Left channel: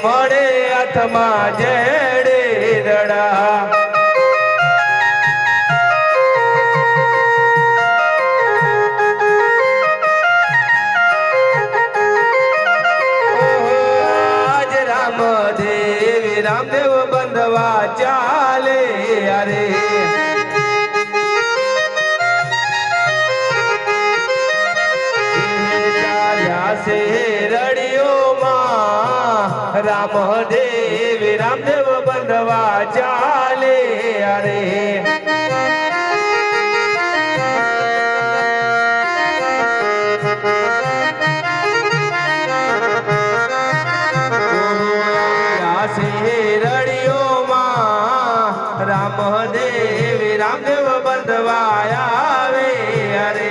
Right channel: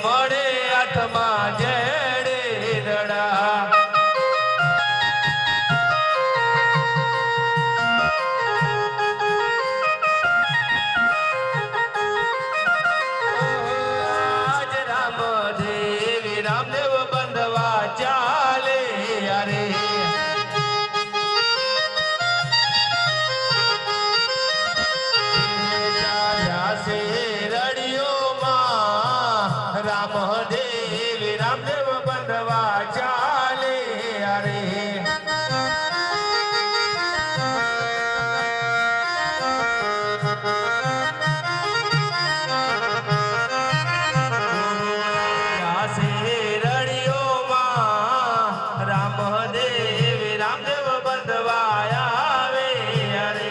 મળે હાથમાં જેડે દડા આજ રામદેવ બંધવા ચાલે અરે રામદેવ બંધવા ચાલે અરે રામદેવ બંધવા આવે અરે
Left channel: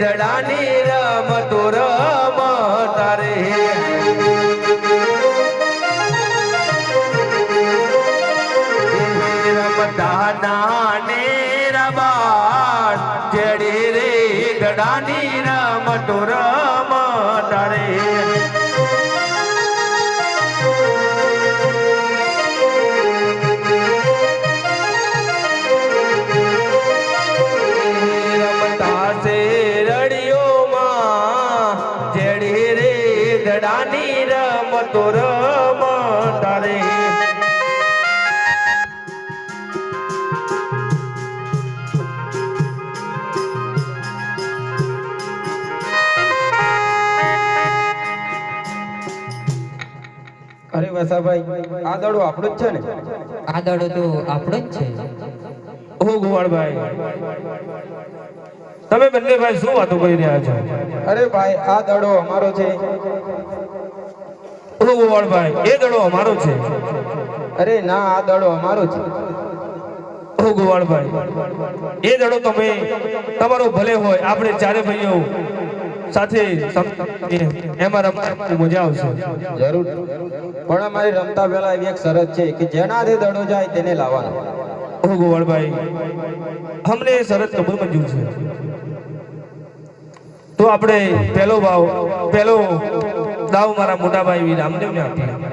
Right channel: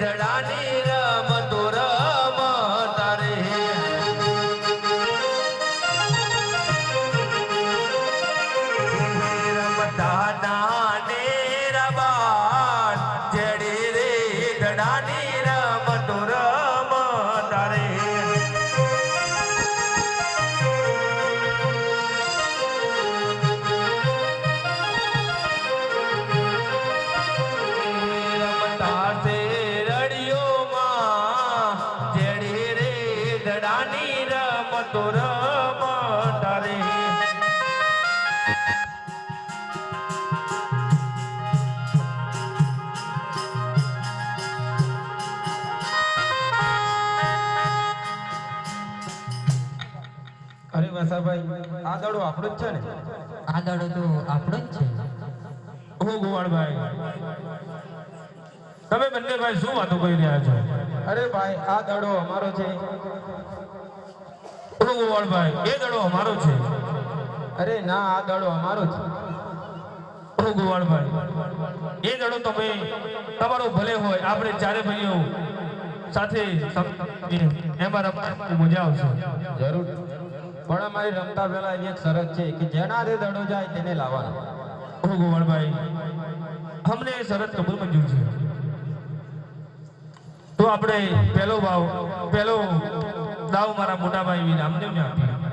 દડાની રમતો રમતા રે રમતા નાને રબાણ જેડે રે દડાની રમતો રમતા રે દડાની રમતો રમતા રે અરે વસાભાઈ આ દડો આપણો જ છે ને? આ દડો તો આપણો જ છે. ઓ ગોવાળભાઈ તમે બંને ભાઈ શું વાતો કરી રહ્યા છો? અરે ભાઈ આ દડો અમારો છે. ઓ ગોવાળભાઈ એ દડો અમારો છે. અરે ના આ દડો અમારો છે. ઓ ગોવાળભાઈ એ દડો તમે તમારો ભલે હોય આપણે ચારે ભાઈઓ સાથે એમાં રમવાની મજા આવશે. જરૂર પણ અમારે રમતા પહેલા એવી એક શરત છે કે જેના હાથે દડો જાય તેને લાવવાનો. ઓ ગોવાળભાઈ અમને એ શરત કબૂલ મંજૂર છે. તો આપણે પહેલો દાવ મારા મોટા ભાઈ રામદેવને આપીએ.